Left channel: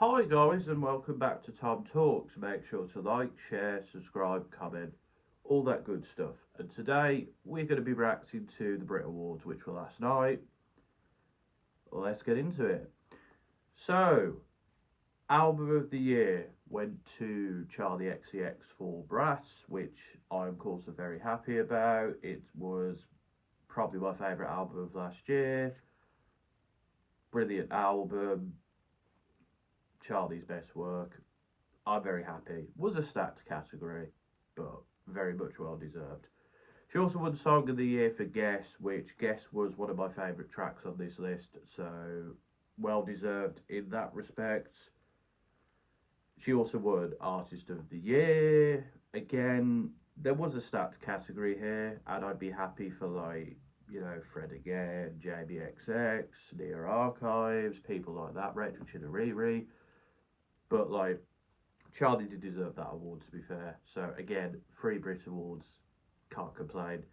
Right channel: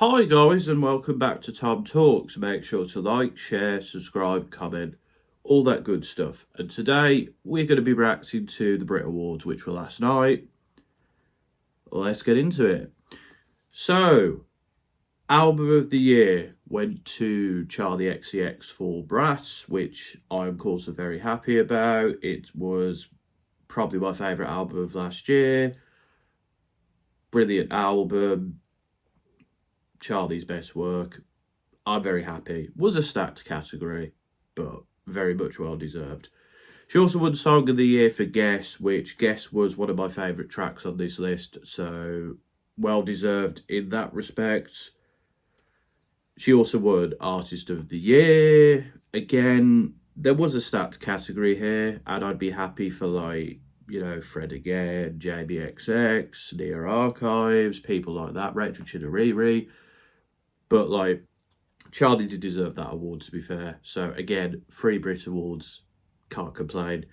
Hi guys and welcome back to Tom Talks. Make sure to like, share, subscribe, comment, all that good stuff. And today we're going to be reacting to the Brit Awards, which were last night. Let's get into it. So, album of the year went to Charli XCX for BRATS, which I am of course very happy about. It was probably my favourite album of last year. Brilliant album. Charli's best work. I'm very happy. Was a stacked category, but very much well deserved. She also won Song of the Year for Guess, which Guess was one of my favourite tracks on this list, so well deserved in that respect. She also won Artist of the Year. Again, there was a stacked category here, and I'd be happy for Fred Again, JBXX, Near Archives, people like that, Rachel Chidoriri. But Charli did deserve that award, to be fair. So again, 3 BRIT awards, can't complain.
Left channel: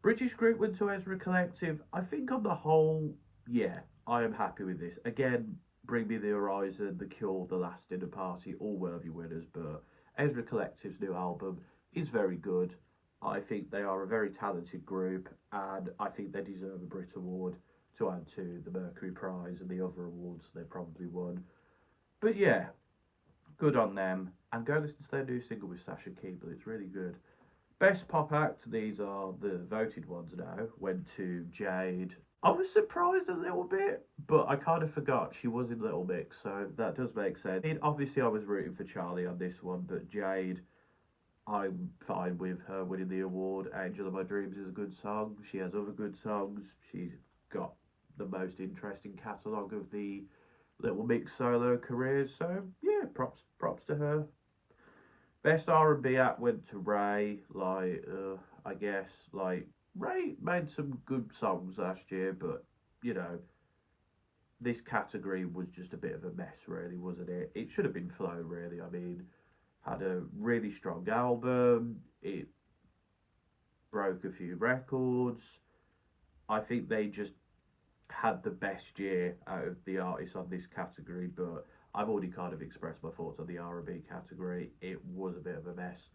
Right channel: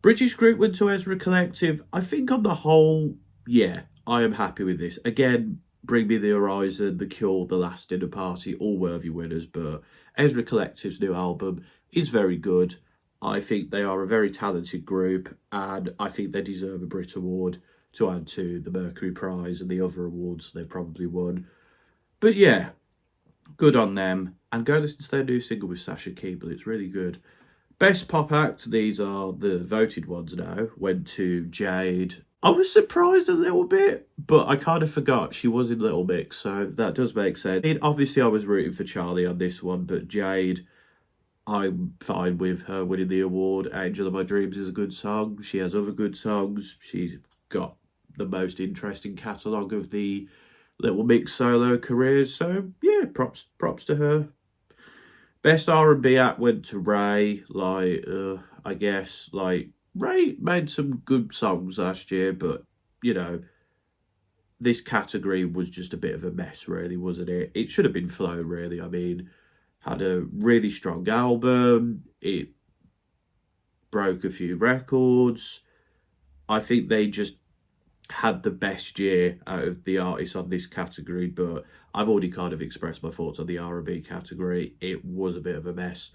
British group went to Ezra Collective. I think on the whole, yeah, I am happy with this. Again, Bring Me the Horizon, The Cure, The Last Dinner Party, all worthy winners. But Ezra Collective's new album is very good. I think they are a very talented group, and I think they deserve a Brit award to add to the Mercury Prize and the other awards they probably won. But yeah, good on them. And go listen to their new single with Sasha Keeble. It's really good. Best pop act, these are the voted ones now, went to Jade. I was surprised a little bit, but I kind of forgot she was in Little Mix, so that does make sense. I mean, obviously, I was rooting for Charli on this one, but Jade, I'm fine with her winning the award. Angel of My Dreams is a good song. She has other good songs. She's got the most interesting catalogue of the Little Mix solo careers. So yeah, props to her. Best R&B act went to Ray. I guess Ray made some good songs last year, but you know this category was just a bit of a mess, really, wasn't it? It should have been Flo, really. I mean, had a really strong album. It broke a few records. I think they just had the best year out of the artists on this category, but I've already kind of expressed my thoughts on the R&B category. It was a bit of a mess.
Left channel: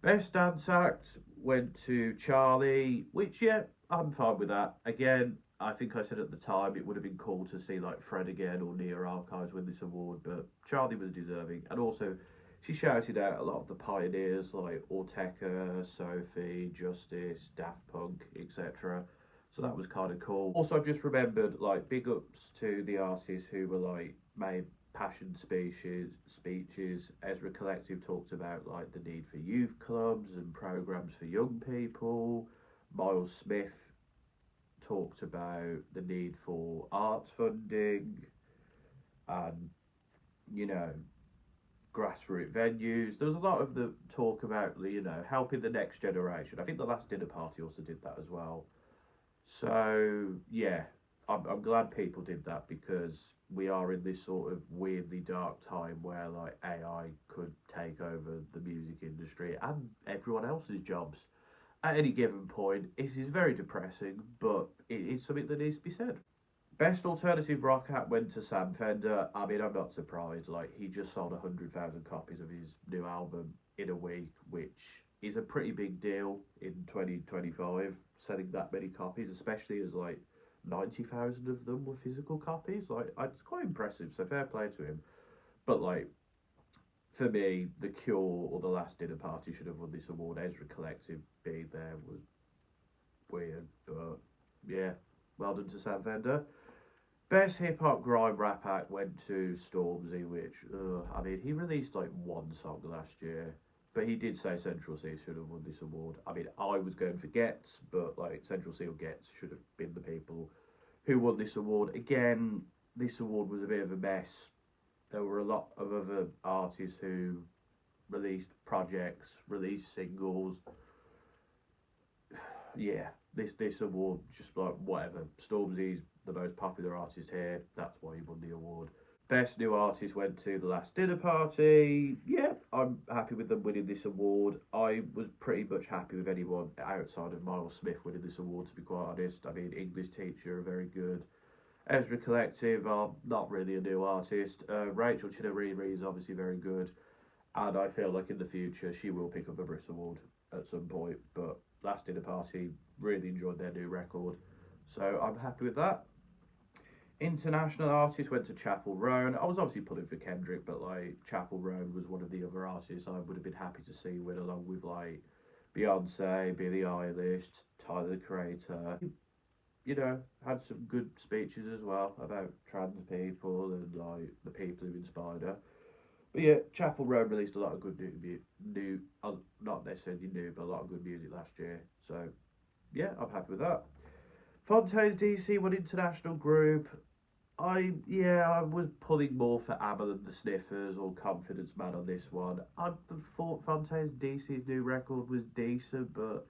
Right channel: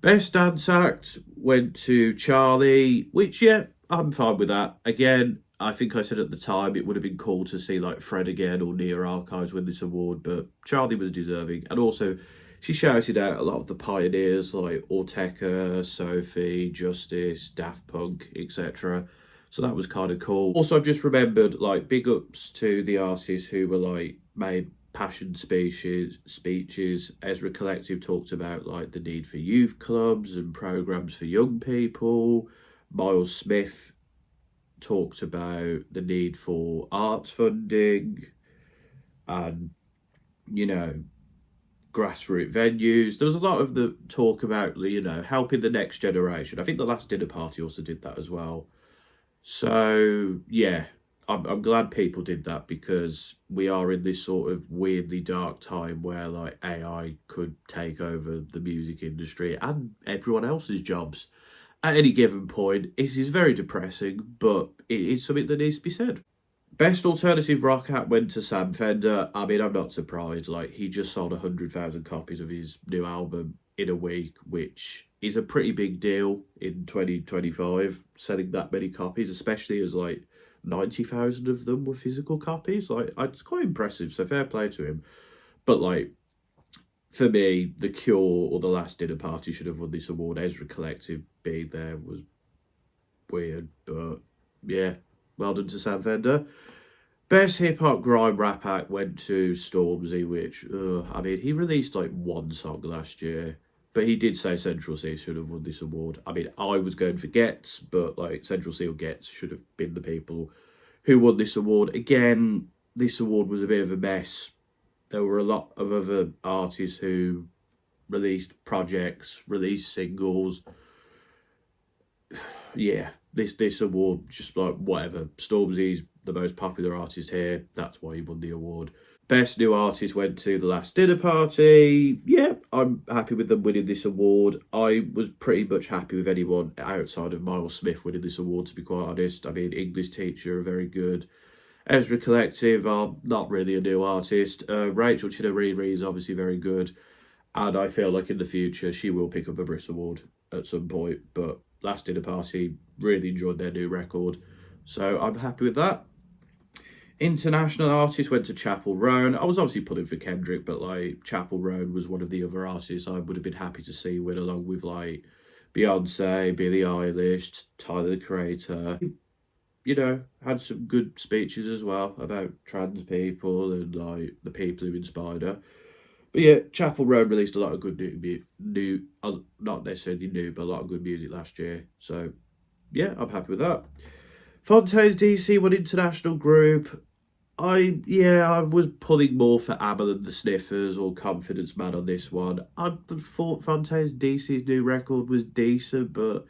Best dance act went to Charli, which, yeah, I'm fine with that. Again, I think I said at the time it would have been cool to see Fred Again or Near Archives win this award, but Charli was deserving. And also, she shouted out a lot of the pioneers like Ortega, Sophie, Justice, Daft Punk, etc. So that was kind of cool. Also, I've just remembered big ups to the artists who were made passion speeches. Ezra Collective talked about the need for youth clubs and programs for young people. Miles Smith talked about the need for arts funding and grassroots venues. There was a lot of the talk about helping the next generation. I think the Last Dinner Party also did that as well. So yeah, I'm glad people did that, because we are in this sort of weirdly dark time where AI could take over the music industry and everyone else's jobs at any given point. It is very depressing, but it is something that needs to be said. Best alternative rock act went to Sam Fender. I mean, I'm not surprised. He just sold 100,000 copies of his new album in a week, which is a pretty big deal in 2025. Selling that many copies, especially as 90,000 of them were physical copies. It's quite impressive. So fair play to him. But for me, The Cure or The Last Dinner Party should have won this award. Ezra Collective being there was weird, but yeah, well done to Sam Fender. Best hip hop grime rap act went to Stormzy, which I mean, he released one song last year, but he did say Central C should have won this award. I mean, I was going for Gets, but Central C or Gets should have been the people who won this award. Again, this award was a bit of a mess. There were a lot of other artists who released projects, released singles. Yeah, this award just whatever. Stormzy's the most popular artist here. That's why he won the award. Best new artist went to The Last Dinner Party. Yeah, I'm happy with them winning this award. I was pretty much happy with anyone outside of Miles Smith winning this award, to be quite honest. I mean, English Teacher are very good. Ezra Collective are not really a new artist. Rachel Chinouriri is obviously very good, and I feel like in the future she will pick up a BRITS award at some point. But Last Dinner Party really enjoyed their new record, so I'm happy with that. International artists went to Chapel Roan. I was obviously pulling for Kendrick, but like Chapel Roan was one of the other artists I would have been happy to see win, along with like Beyonce, Billie Eilish, Tyler the Creator. You know, had some good speeches as well about trans people and like the people who inspired her. But yeah, Chapel Roan released a lot of good not necessarily new, but a lot of good music last year. So yeah, I'm happy with that. Fontaines DC, one international group. I was pulling more for Amel and the Sniffers or Confidence Man on this one. I thought Fontaines DC's new record was decent, but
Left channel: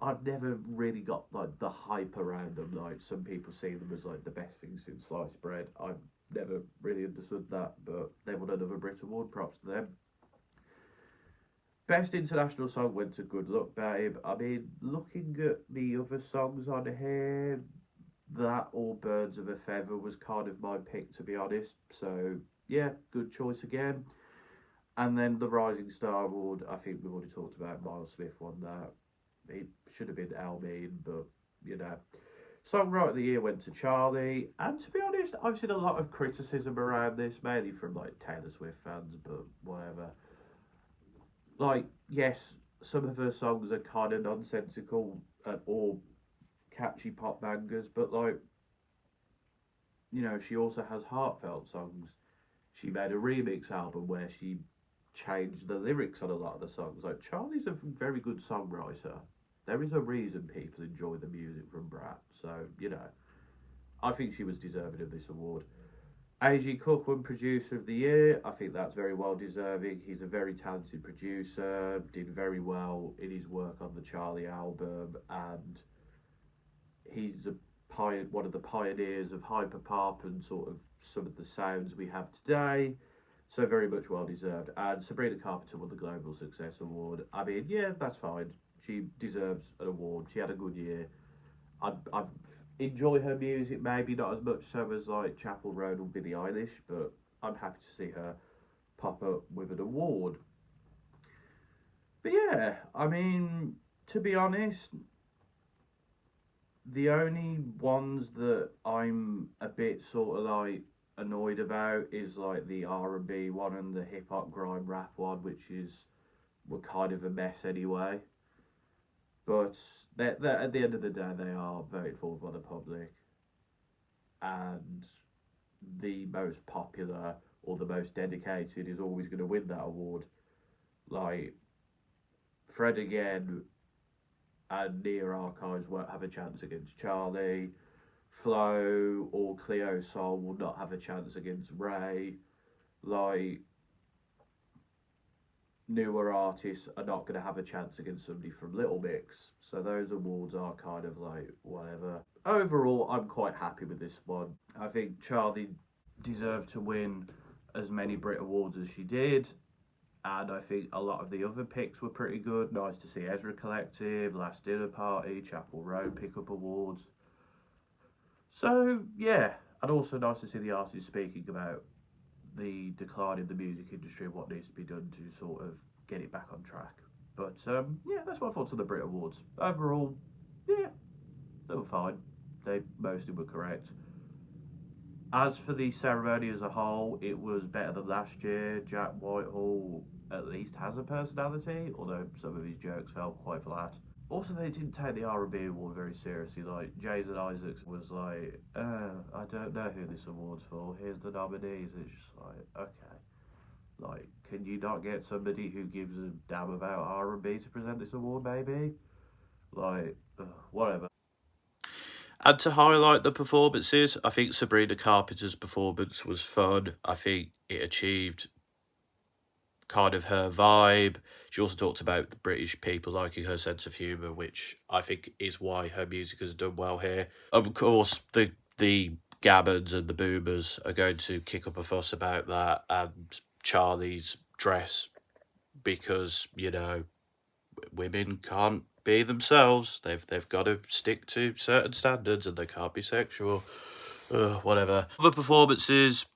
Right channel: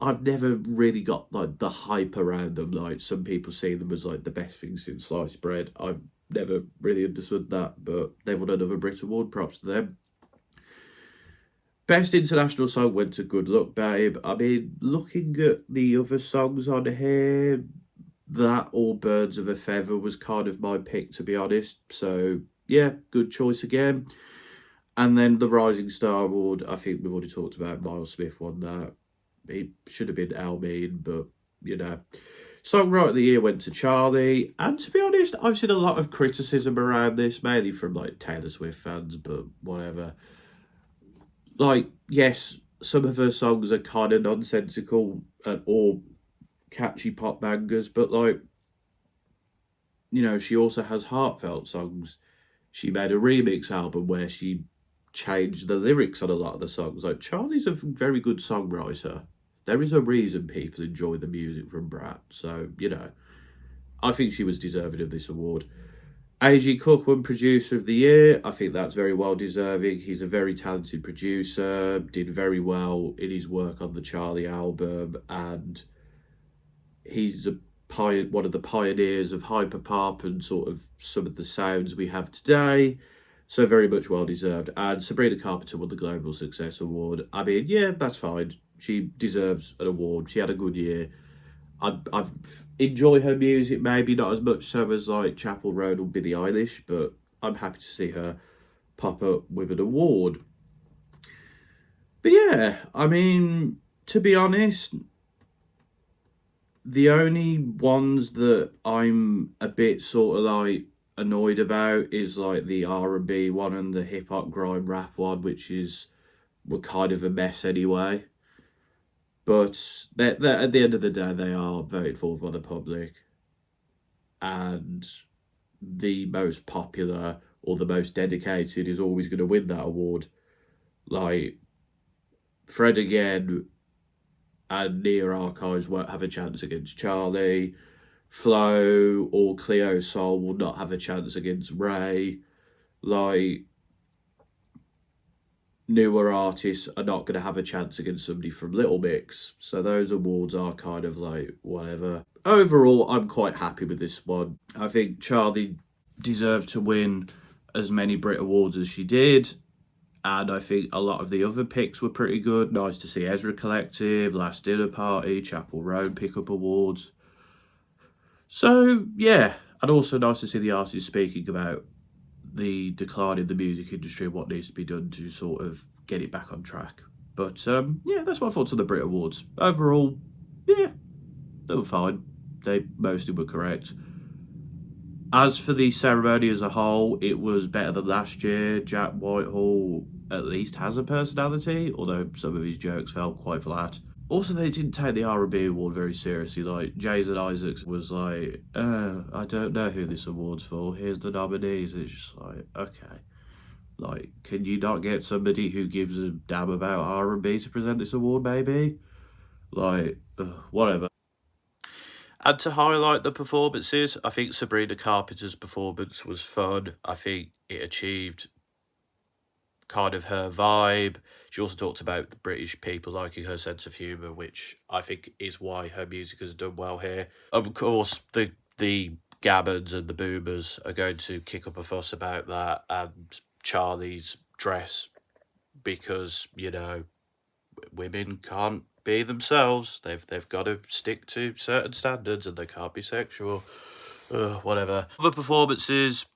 I've never really got like the hype around them. Like some people see them as like the best thing since sliced bread. I've never really understood that, but they've won another Brit Award. Props to them. Best international song went to Good Luck Babe. I mean, looking at the other songs on here, that or Birds of a Feather was kind of my pick, to be honest. So yeah, good choice again. And then the Rising Star Award, I think we've already talked about. Miles Smith won that. It should have been Almin, but you know. Songwriter of the Year went to Charli. And to be honest, I've seen a lot of criticism around this, mainly from like Taylor Swift fans, but whatever. Like, yes, some of her songs are kind of nonsensical or catchy pop bangers, but like, you know, she also has heartfelt songs. She made a remix album where she changed the lyrics on a lot of the songs. Like, Charli's a very good songwriter. There is a reason people enjoy the music from BRATS. So, you know, I think she was deserving of this award. A.G. Cook won Producer of the Year. I think that's very well deserving. He's a very talented producer, did very well in his work on the Charli album, and he's one of the pioneers of hyperpop and sort of some of the sounds we have today. So very much well deserved. And Sabrina Carpenter won the Global Success Award. I mean, yeah, that's fine. She deserves an award. She had a good year. I enjoy her music, maybe not as much so as like Chapel Roan or Billie Eilish, but I'm happy to see her pop up with an award. But yeah, I mean, to be honest, the only ones that I'm a bit sort of like annoyed about is like the R&B one and the hip hop grime rap one, which were kind of a mess anyway. But they're, at the end of the day, they are voted for by the public, and the most popular or the most dedicated is always going to win that award. Like Fred again and Near Archives won't have a chance against Charli. Flo or Cleo Sol will not have a chance against Ray. Like, newer artists are not going to have a chance against somebody from Little Mix. So those awards are kind of like whatever. Overall, I'm quite happy with this one. I think Charli deserved to win as many Brit Awards as she did. And I think a lot of the other picks were pretty good. Nice to see Ezra Collective, Last Dinner Party, Chapel Roan pick up awards. So, yeah. And also nice to see the artists speaking about the decline in the music industry and what needs to be done to sort of get it back on track. But yeah, that's my thoughts on the Brit Awards. Overall, yeah, they were fine. They mostly were correct. As for the ceremony as a whole, it was better than last year. Jack Whitehall at least has a personality, although some of his jokes felt quite flat. Also, they didn't take the R&B award very seriously. Like, Jason Isaacs was like, I don't know who this award's for. Here's the nominees. It's just like, okay. Like, can you not get somebody who gives a damn about R&B to present this award, maybe? Like, whatever. And to highlight the performances, I think Sabrina Carpenter's performance was fun. I think it achieved kind of her vibe. She also talked about the British people liking her sense of humour, which I think is why her music has done well here. Of course, the Gammons and the Boomers are going to kick up a fuss about that and Charlie's dress because, you know, women can't be themselves. They've got to stick to certain standards and they can't be sexual. Whatever. Other performances,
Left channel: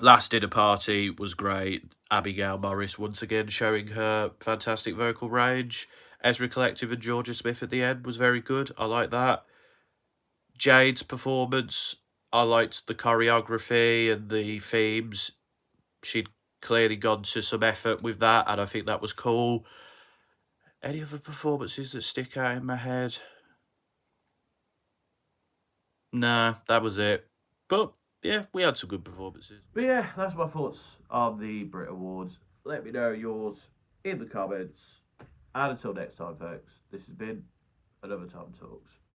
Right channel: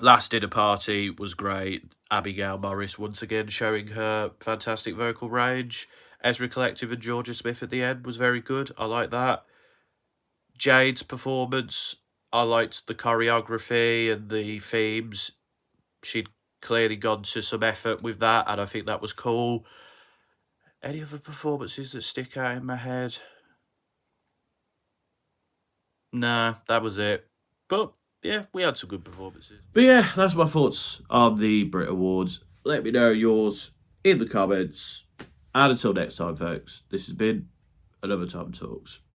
last dinner party was great. Abigail Morris once again showing her fantastic vocal range. Ezra Collective and Georgia Smith at the end was very good. I like that. Jade's performance, I liked the choreography and the themes. She'd clearly gone to some effort with that, and I think that was cool. Any other performances that stick out in my head? Nah, that was it. But yeah, we had some good performances. But yeah, that's my thoughts on the Brit Awards. Let me know yours in the comments. And until next time, folks, this has been another Tom Talks.